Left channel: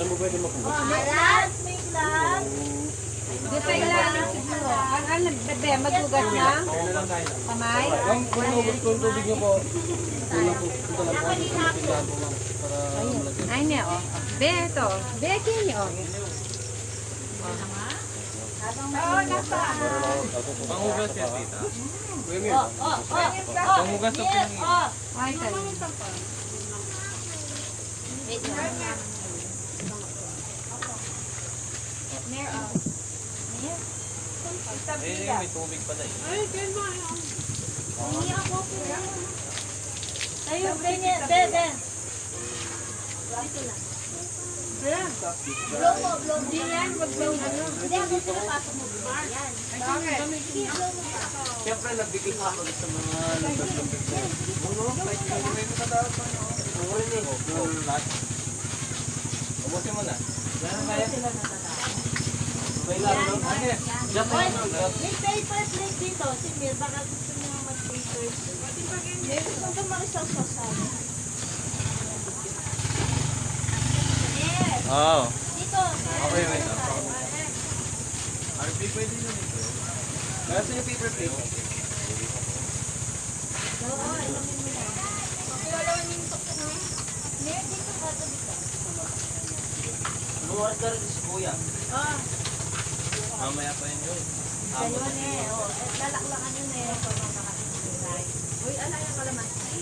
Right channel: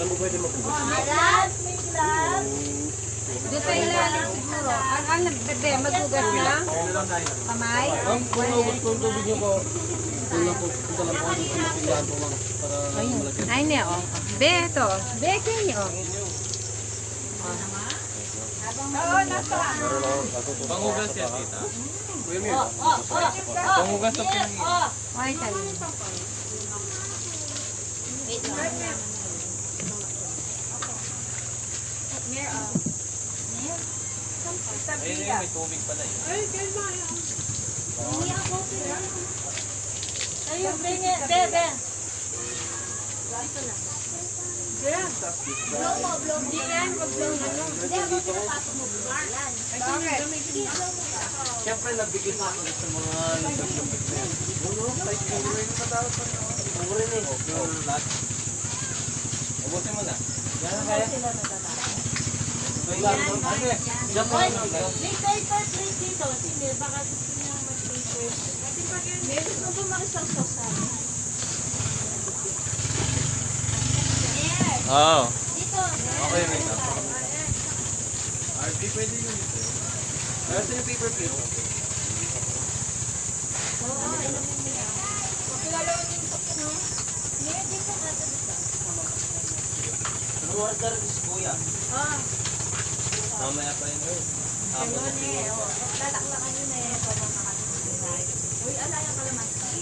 Saan mo pwede makuha? Glass, may glass. Doon sa ilalim siguro. Ang bebe, magugas na. Kamay. Kung naubos ko yung tubig niyo po, punta lang po ako sa pindahan po lang. Ay niya. Be, ito. Be, kinyo. Pangugas yan, tita. Kuya Mir. Pangugas sa pinangin. Ay, tali. Wait, Ayun, may tubig pala eh. Ayun, bebe. Bebe. Blow mo, blow mo. Hindi yan, wag lang ano. Hindi ako pinapasok mo. Yan. Siyempre, nabigay sa ako sa mga nagsasabi ko. Ubusin mo na. Sila natatawa. May paper plate dito. Si Mir, baka gusto niya mag-paper. May gusto ko makisaw-saw sa amin. Yes. Oo. Dito. Okay, wait lang. RP, pwede yun ito. Kaya sa yung paper plate. Oo, ilamin mo na. Pakilalawan yung tuktok niya. Mir, dito ka to dito. Anong order is kuya? Ah, Mamaya pa yun yun. ganun eh. Oh, lalaklakan yun eh. Kung makakasinay. Uy, ala yung kalamansi.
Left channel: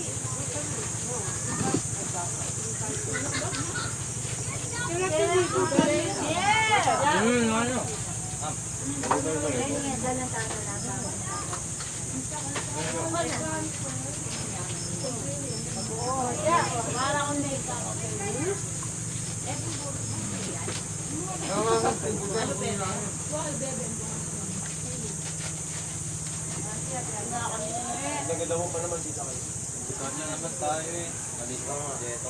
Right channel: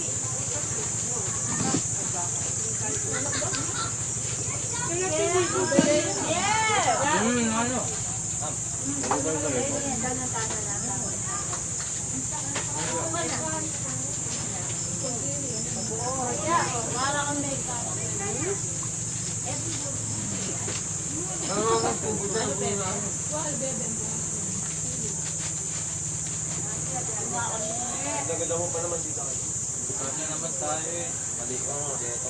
Yeah! Ano? Nagalaw mo pa naman dito kayo. Start na naman tayo eh. Malik pa nga. Dito.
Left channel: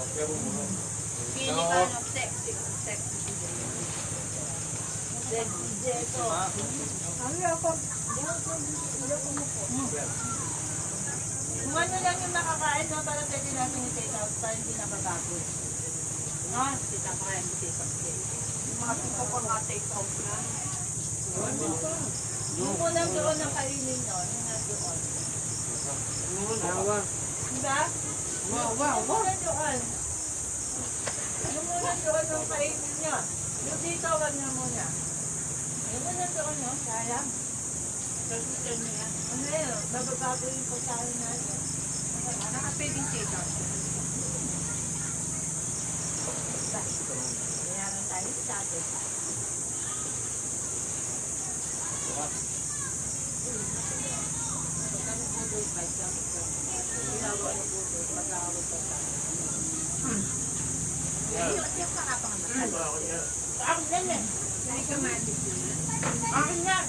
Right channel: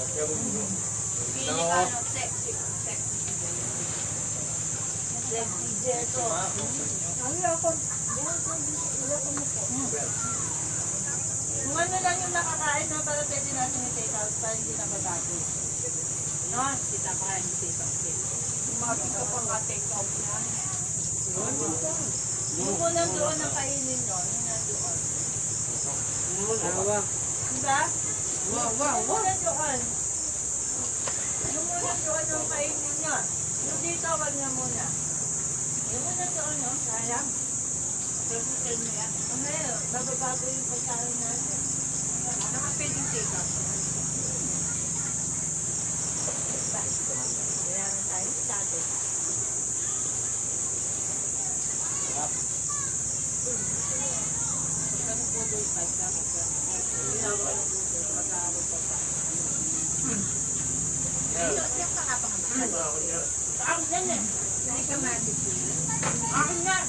Kung ano lang yung nakakain na para pwede natin i-take out para hindi nababago. No? Kita pa kain i-take out. Umapit ka pa nga take out na. Yung unang doon na kainin nyo, yung nandoon. Diba? Yung unang doon. Yung unang doon yung kainin nyo. Yung dito, wag na muna. Yung unang doon nyo, sayang. Susunod nyo yan. Ano yun? Bababago yung pagkain natin. Nakapwedeng take out. Diba? Kailangan tayo sa atin. Akin yan eh. Akin yan.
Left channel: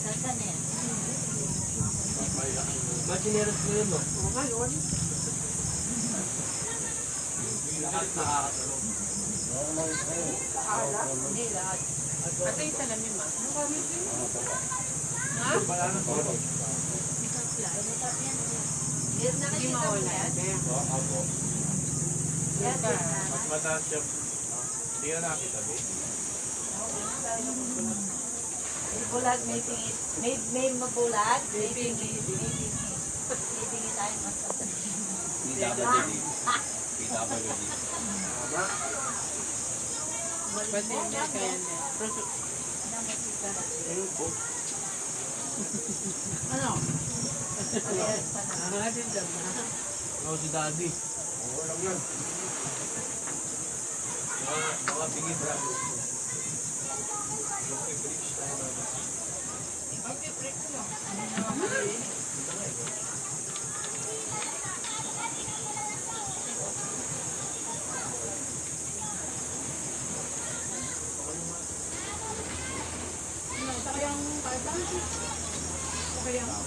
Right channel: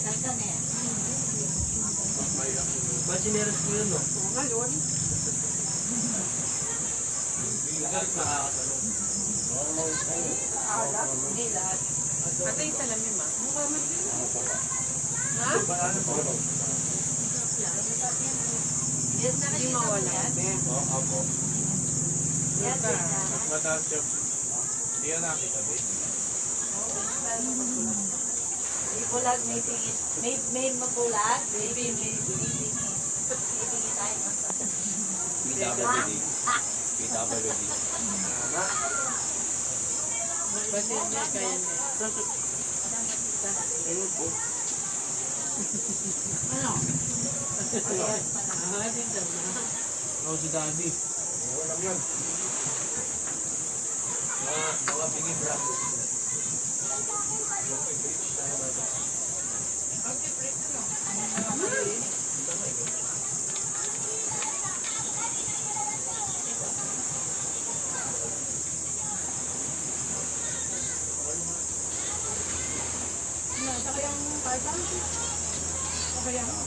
Ganda na yan. Ba't sineras ko yun, no? Hindi lahat. Ito yung salamin, ma. Yes, na Hindi mawala. Be. Yes, Mas mataas siya. Hindi yan nakita, babe. may bulag, may tingit. May mabulag, may tingit. Bibigay tayo mas PWD. PWD. Basta hindi kaya na. Ano? Ako si Daddy. Oo lang yan. Mga bigay bravo.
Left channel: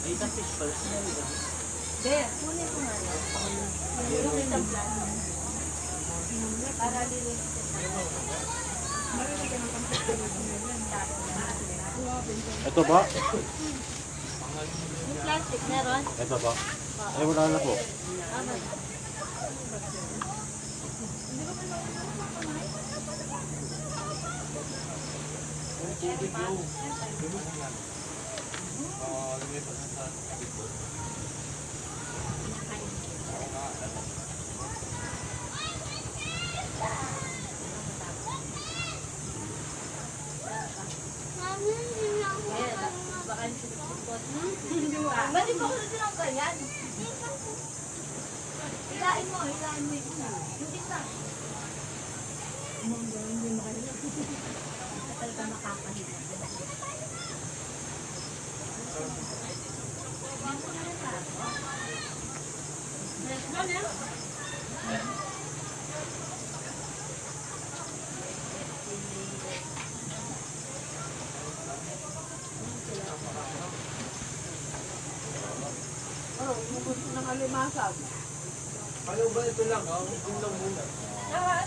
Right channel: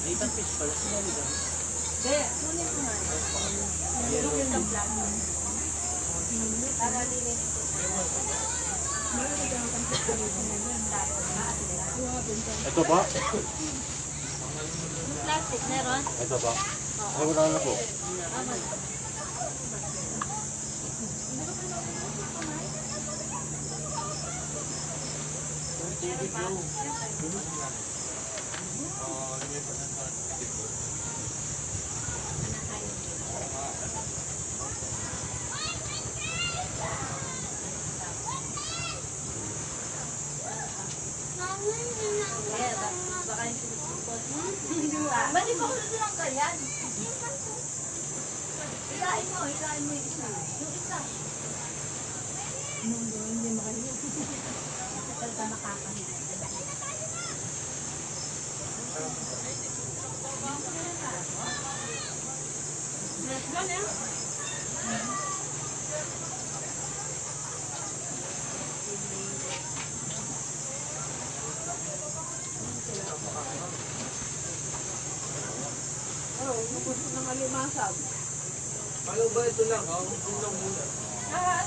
Dito fish pala sila nila. Hindi, kunin ko nga yun. Yung isang plan. Para lilinis ko tayo. Ito po. Yung plastic meron? Ito po. Ay, wala na po. Tama na. Kaya, baka yung sinusupot. Ba't di pa ko lang ganyan? Hilain mo yung isa. Yung isa. Talaga makakahiya. Ano ba ito lang? Ito lang muna.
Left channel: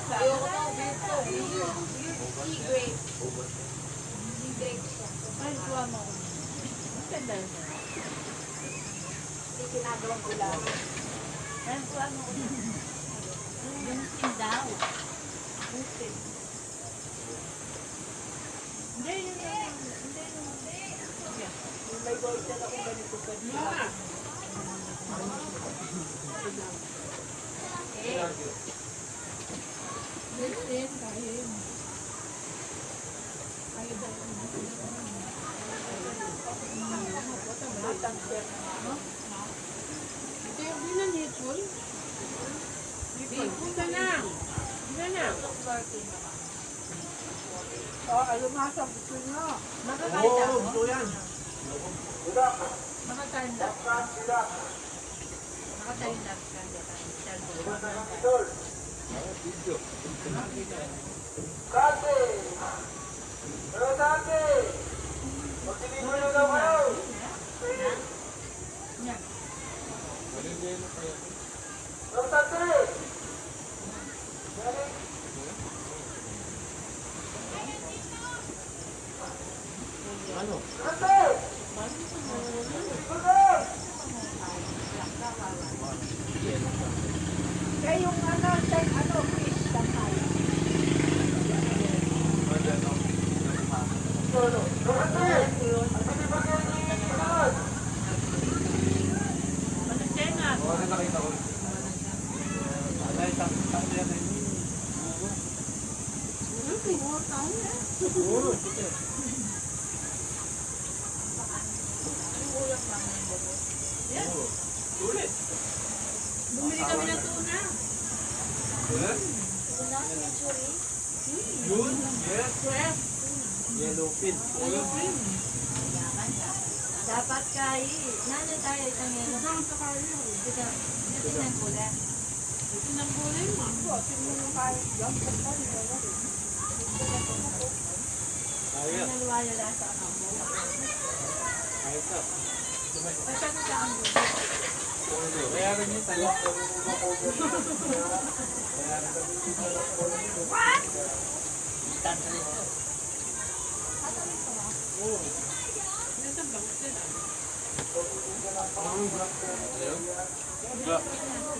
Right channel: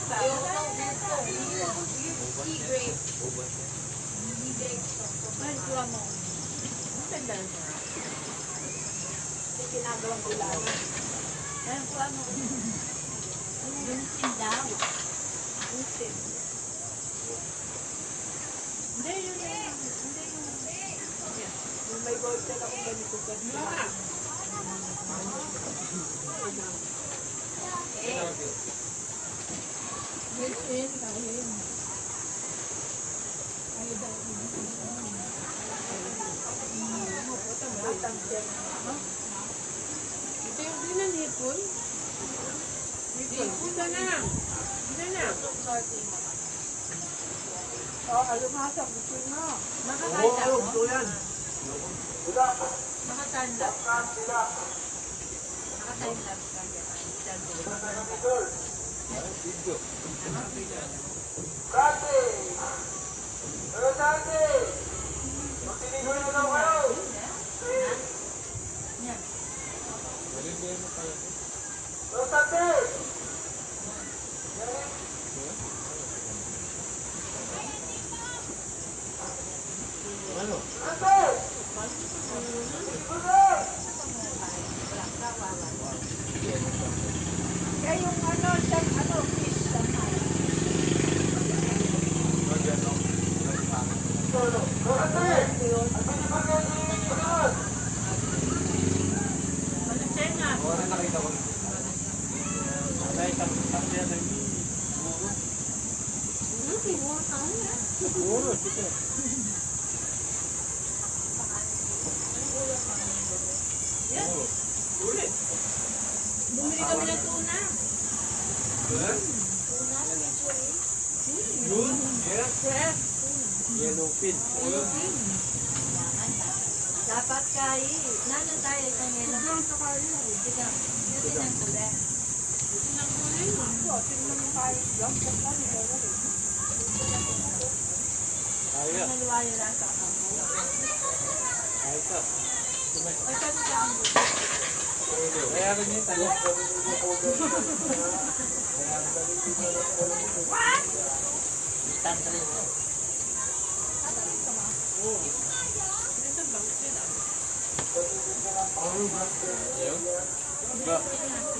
Ayoko ng dito. E-grape. Ay, kuha mo. Ang ganda niya. Ginagawang ulam. Ay, kuha mo. Yung sindaw. Hindi, yun lang. Hindi, yung... Yung may gold na akong ganito ganito. Hindi na nipon. Nipon na na. Hindi na. Alumasang gusto nga. Makakain ako. Gusto yan. Maka-time lapse ka. Maka-time lapse ka. Yan. Ano? Kaya yung fish damay. Malasena. Oo, rin nakita ko. Ay, tapos yan ay siguro. Sige. Ulit. Bumili kami ng tuna. Yan? Yun? Yes. Yellow fin. Dapat kay, nano tayo isang yelo. Ito ng kulay. Ito ng kulay mo. Ayaw. Naluwayo lang sa ako. Ayaw pa. Basta ko sa ang Kaya rin yung talok. Ito bang sila? Ayaw?